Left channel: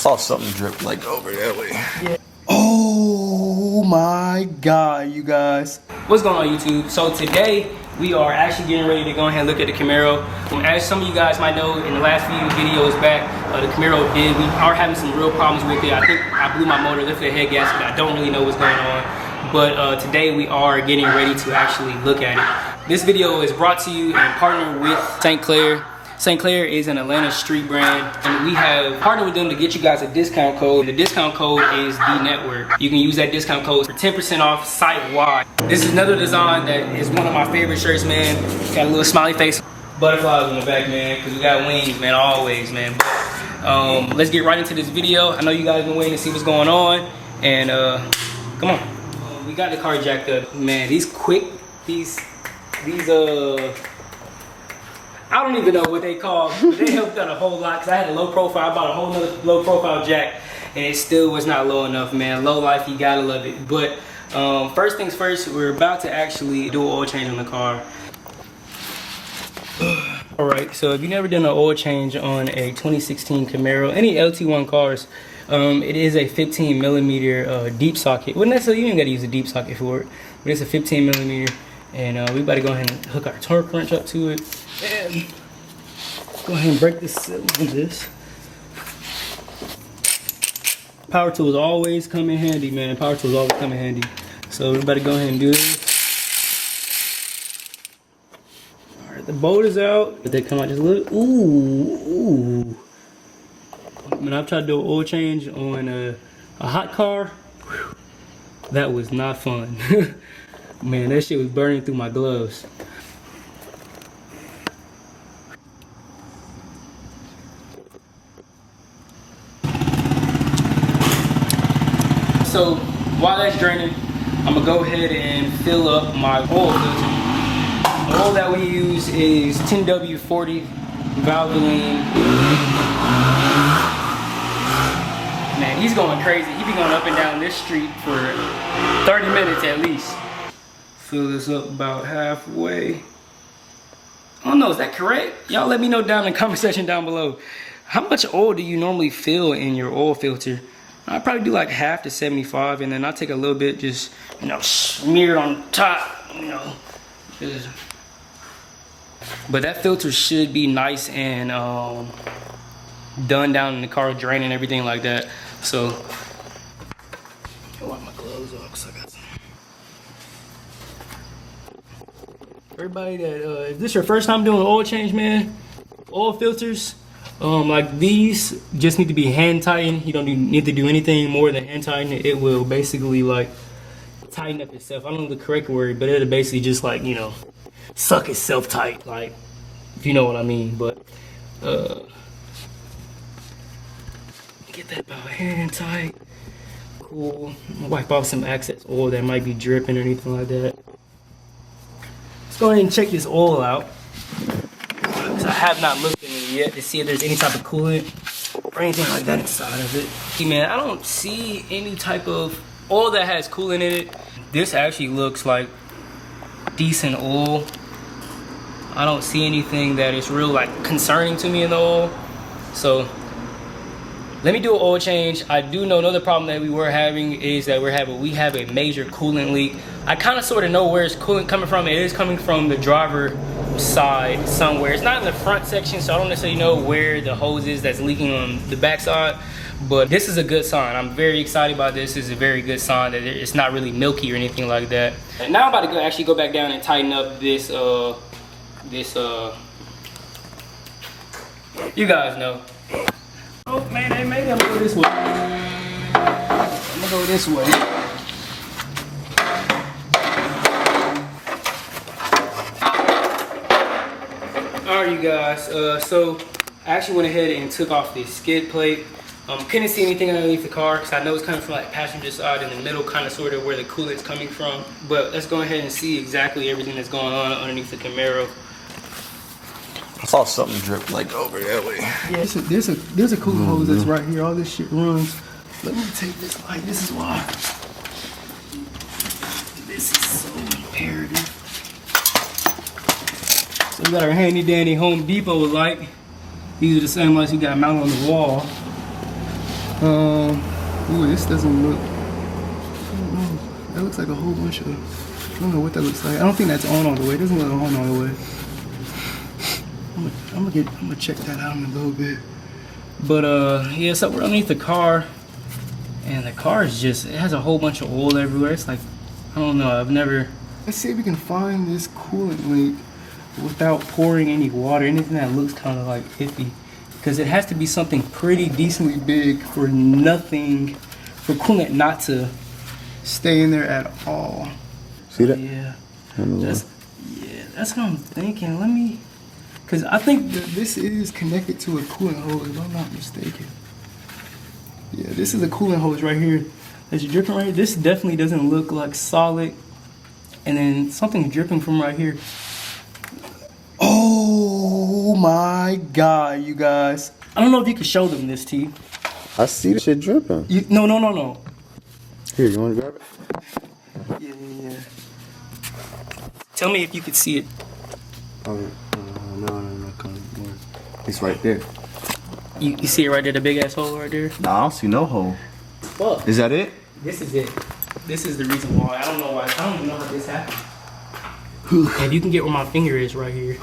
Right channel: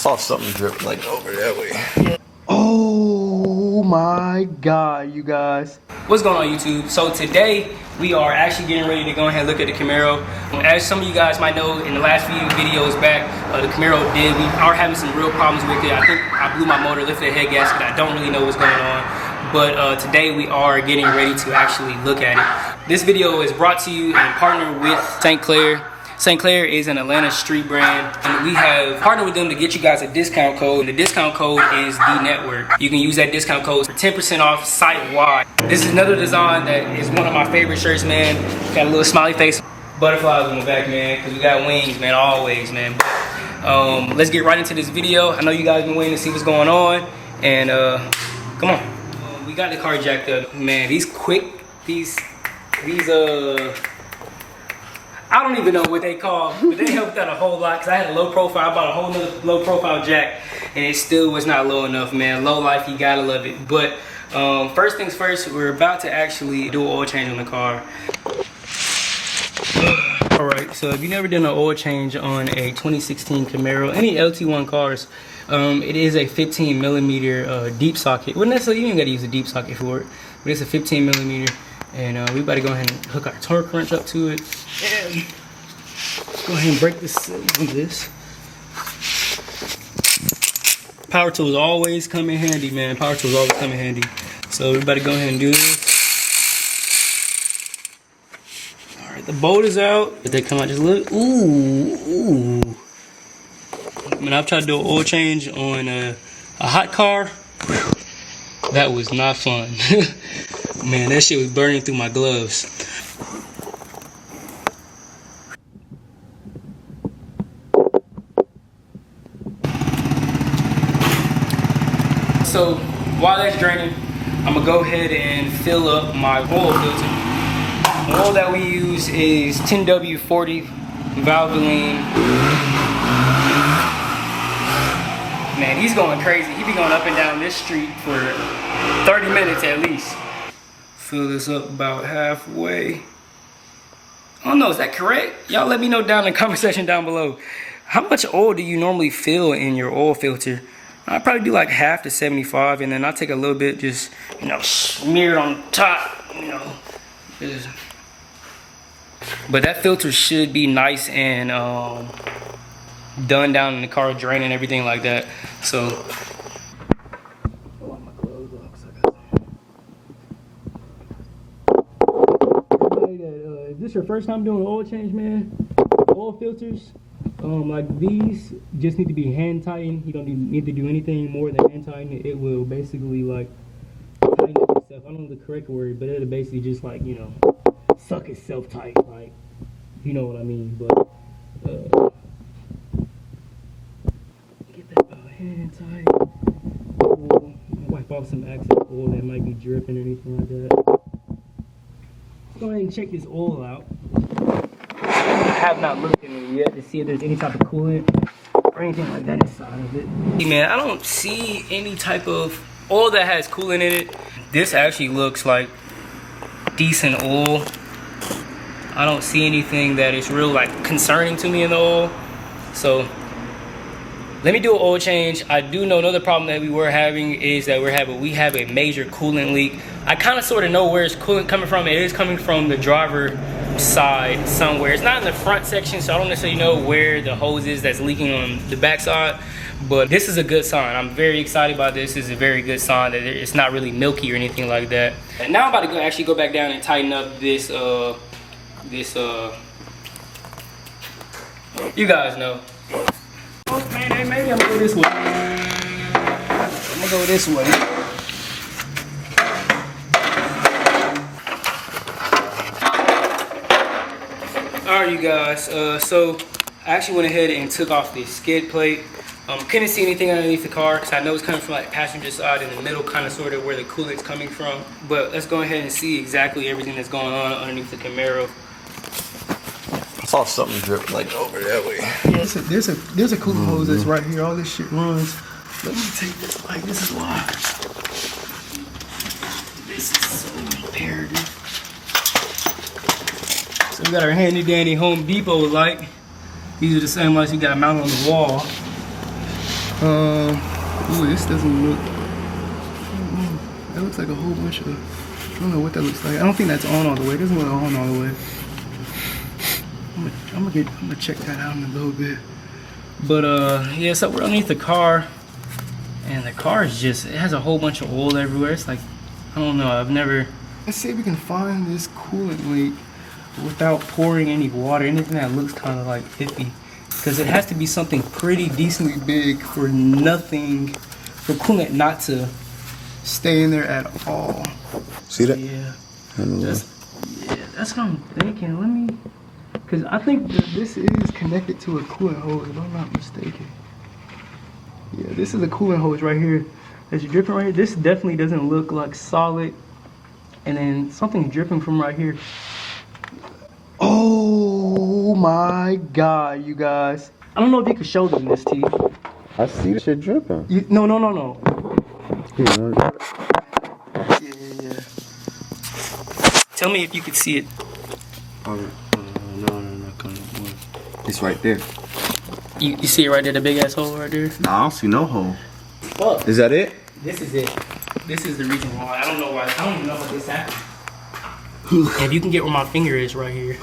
Saw something drip like over that way. Yeah. Oh my god, you guys. What's going on, YouTube? So today we are actually getting ready to go ahead and look at the Camaro. As some of you guys might know, in the last few videos back, the Camaro we are having some real problems with it. I think I blew my motor, lifted the head gasket. I don't really know what's going on. But today we are getting ready to actually look at it. This video is brought to you in partner with St. Clair. St. Clair is an Atlanta street brand, and we have partnered with them to get you guys a discount code. The discount code is the network. You can use that discount code for 10% off site-wide. This is another design that is one of my favorite shirts, man. Got a little smiley face, butterflies on the back, man, because we got wings, man, always, man. But let's get right into this video. I know you guys been waiting to see what's going on, and come on. We got the car jacked up, man. These I don't even know what they call, but they helped out a whole lot because I had a low profile. I bought a whole nother low profile jack and it still was not low enough, man. Low life, you gotta love it. But first things first, we're about to actually do an oil change on the car. All right, so if you've never done an oil change on a 2016 Camaro, any LT1 cars, it is a 15 millimeter deep socket. Well, necessarily you ain't gotta use a deep socket for it, but it's a 15 millimeter. And we about to go ahead and hook our torque wrench up to it. And go ahead and break this with this. Power tools always come in handy, man. Power tools always come in handy. So we about to go ahead and do this. All right, the bolt is out. If they come out, just look. Ooh. Man, I've tried to do an oil change on a hot car. Whew. That was not fun. Man, that shit was burning through my gloves. So while that's draining, I'm gonna go ahead and fill up my oil filter. The oil that we use is 10W40 Valvoline. Man, he's going crazy. He be going up and down this street for 30 minutes at least. Fill this up about halfway. Oh no, is that correct? Y'all let me know down in the comment section down below. How much oil do you normally fill in your oil filter? I probably do like half to 75, and then I take a little bit, just, you know, smear it on top, you know. But that filter should be nice and done down in the car, draining everything like that. So I'll wipe my gloves off because I got some. Everybody that if this is your first time doing an oil change, man, oil filters like these just need to be hand tightened. You don't need to do anything more than hand tighten it. It will basically like tighten up itself. I don't know the correct word, but it'll basically just, like, you know, suck itself tight, like, if you know what I mean. But get that about hand tight. Cool. Wipe off some excess oil that might be dripping or anything like that. Let's go ahead and check this oil out. I have not looked in it yet to see if there's any type of coolant or anything like that inside of it. See, man, I don't see any type of oil that has coolant in it. This actually looks like decent oil. I don't see anything that is real, like, concerning to me in the oil. So let me do an oil change. I do know another problem that we were having is that we have a major coolant leak. I kind of sort of know where it's coolant coming from. It is coming from the driver side somewhere. It's not in the front section, so I don't necessarily know where the hose is that's leaking on the back side. But this is a good sign. I'm very excited about this. This is a very good sign that it's not really milky or anything like that. And now I'm about to actually go back down and tighten up this you guys know. Oh man, maybe I'm gonna go this way. I'm gonna go this way. Alright, you guys, so I actually went ahead and took off the skid plate. Couldn't see anything underneath the car because I know it's coming from like passenger side in the middle, kind of sort of where the coolant's coming from. But let's go ahead and see exactly everything that's going on underneath the Camaro. I saw something drip like over that way. Yeah, there's a coolant hose that's right here. All this shit runs. Let me take this light. This is why. This is so imperative. So we got our handy dandy Home Depot light. These are the same lights you got mounted on the wall. Ooh, this doesn't look. I don't know. That looks like a whole bunch of. I don't know what that looks like. I don't think that's on all the way. It doesn't look on all the way. I'm gonna check that out in a little bit. But yeah, so we're underneath the car, and the car is just, it has a whole bunch of oil everywhere. It's like, I don't know, I've never. Let's see if we can find this coolant leak without pouring any water. Anything that looks kind of like iffy, because it has to be something pretty decently big for nothing, for coolant not to stay in there at all. See that? Yeah, that's what I'm thinking. Let me, because I think that this is connected to a coolant hose, if I'm not mistaken. Yeah, this is a coolant hose right here that's dripping right here. This definitely doesn't look like solid. And then something dripping from right here. Oh my God, you guys. I don't know if you can show them this, T. I see the shit dripping. No. Here, you want to grab it? Yeah. Tell me if you could see it. Oh, no. It's right there. You see it right there, the big ass hole right there? Nah, I don't see no hole. Fuck. Is that it? This is it. This is the reason why. I don't know why. I don't even know how this happened. If you can get where my finger is right here.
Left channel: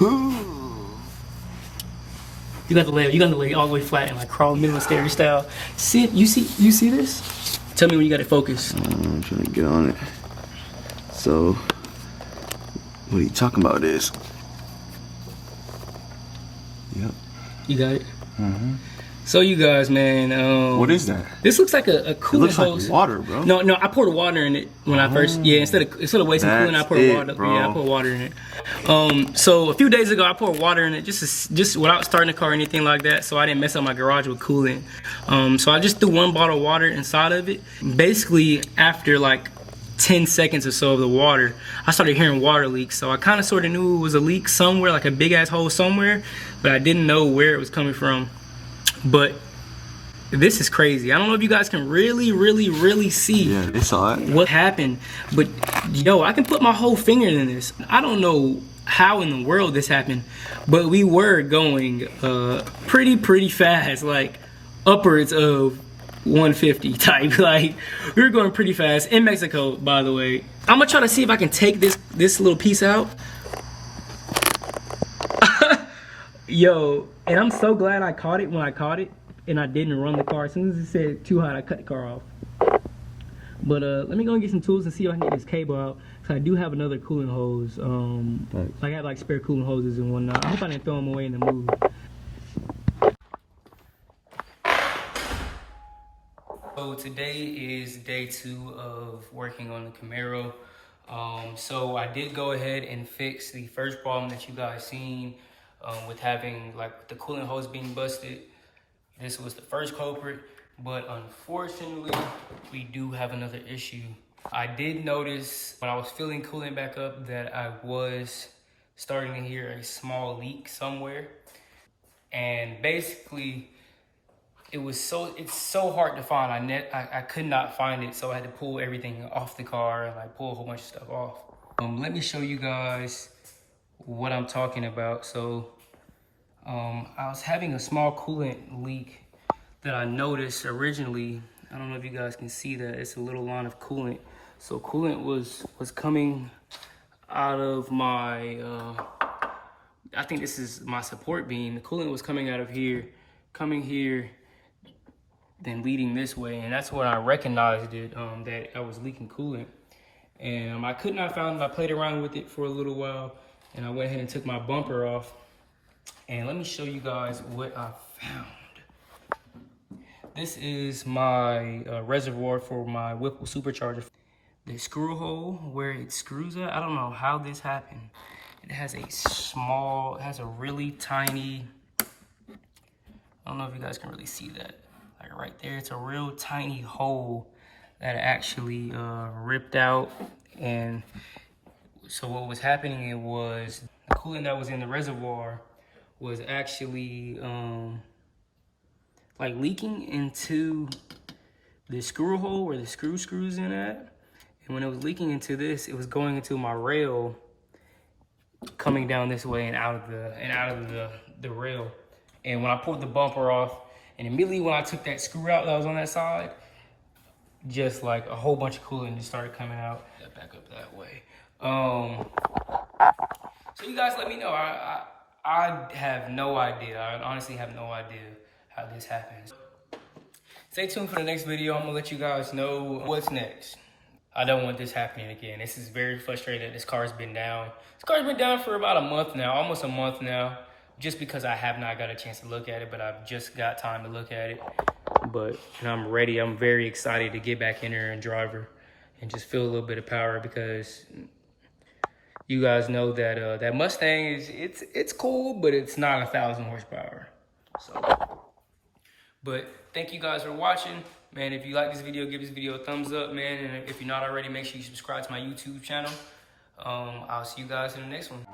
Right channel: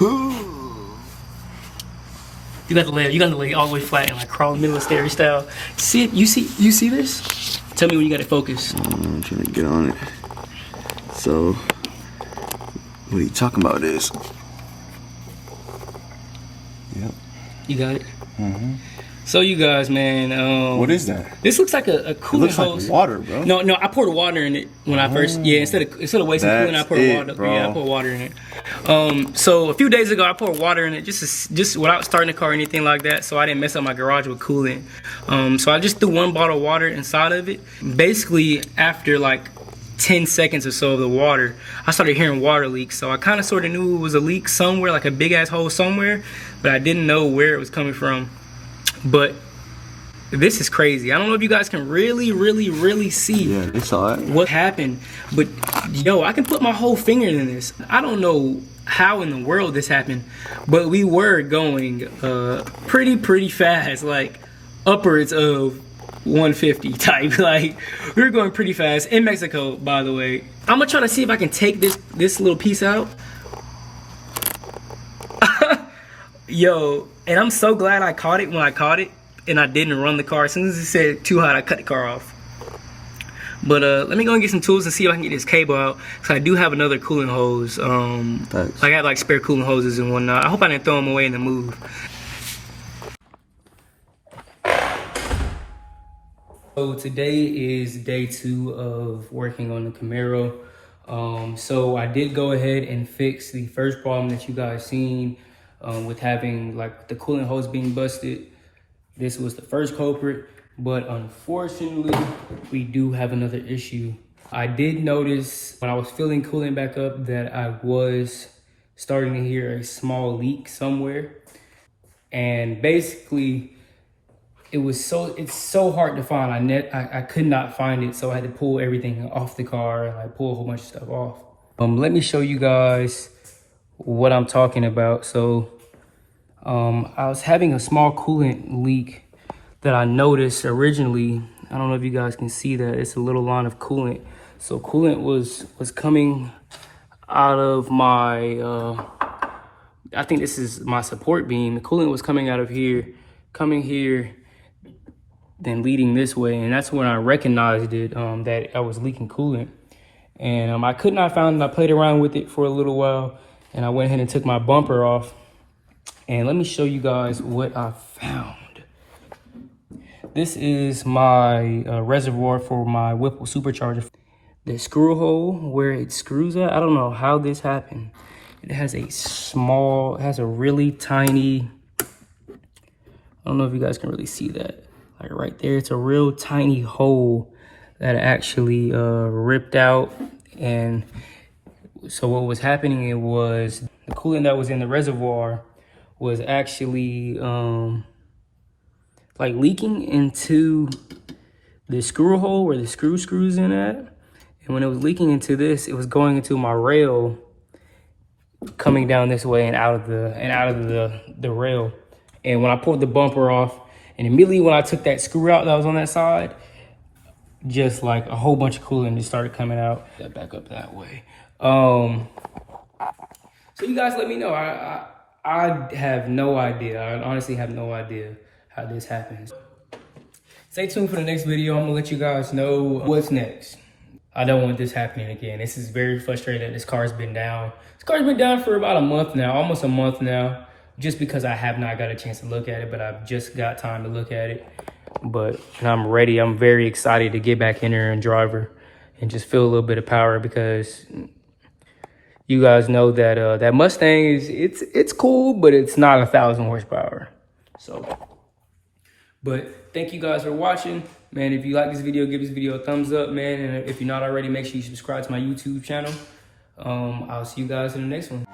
You got to lay all the way flat and like crawl in the middle of stairs style. See it? You see this? Tell me when you got it focused. I'm trying to get on it. So, what are you talking about is? Yep. You got it? So you guys, man. What is that? This looks like a coolant It looks hose. like water, bro. No, I poured water in it when I first. Yeah, instead of wasting coolant, I poured water. bro. Yeah, I poured water in it. So a few days ago, I poured water in it just without starting the car or anything like that, so I didn't mess up my garage with coolant. So I just threw 1 bottle of water inside of it. Basically, after like 10 seconds or so of the water, I started hearing water leaks. So I kind of sort of knew it was a leak somewhere, like a big ass hole somewhere, but I didn't know where it was coming from. But this is crazy. I don't know if you guys can really see Yeah, they saw it. what happened, but yo, I can put my whole finger in this. I don't know how in the world this happened, but we were going pretty fast, like upwards of 150 type. Like we were going pretty fast in Mexico, by the way. I'm gonna try to see if I can take this little piece out. Yo, and I'm so glad I caught it when I caught it and I didn't run the car. As soon as it said too hot, I cut the car off. But let me go and get some tools and see if I can get this cable out, because I do have another coolant hose. I got like spare coolant hoses and whatnot. I hope I didn't throw them away in the move. So today is day 2 of working on the Camaro. So I did go ahead and fix the first problem that you guys seen with having like the coolant hose being busted. This was the first culprit, but unfortunately we do have another issue. I did notice when I was filling coolant back up that I was starting to hear a small leak somewhere, and basically it's so hard to find. I could not find it, so I had to pull everything off the car and like pull a whole bunch of stuff off. Let me show you guys what I'm talking about. So I was having a small coolant leak that I noticed originally. I don't know if you guys can see that. It's a little line of coolant. So coolant was coming out of my I think this is my support beam. The coolant was coming out of here, coming here, then leading this way, and that's when I recognized it, that I was leaking coolant. And I could not find it. I played around with it for a little while, and I went ahead and took my bumper off. And let me show you guys what I found. This is my reservoir for my Whipple supercharger. The screw hole where it screws at, I don't know how this happened. It has a really tiny, I don't know if you guys can really see that. Like right there, it's a real tiny hole that actually ripped out. And so what was happening, it was the coolant that was in the reservoir was actually like leaking into the screw hole where the screws in at. And when it was leaking into this, it was going into my rail, coming down this way and out of the rail. And when I pulled the bumper off And immediately when I took that screw out that was on that side, just like a whole bunch of coolant just started coming out. That back up that way. So you guys let me know. I have no idea. I honestly have no idea how this happens. Stay tuned for the next video. I'm gonna let you guys know what's next. I don't want this happening again. This is very frustrating that this car's been down. This car's been down for about a month now, almost a month now, just because I have not got a chance to look at it, but I've just got time to look at it. But I'm ready. I'm very excited to get back in there and drive her and just feel a little bit of power, because you guys know that that Mustang is, it's cool, but it's not 1,000 horsepower. So, but thank you guys for watching. Man, if you like this video, give this video a thumbs up, man. And if you're not already, make sure you subscribe to my YouTube channel. I'll see you guys in the next one.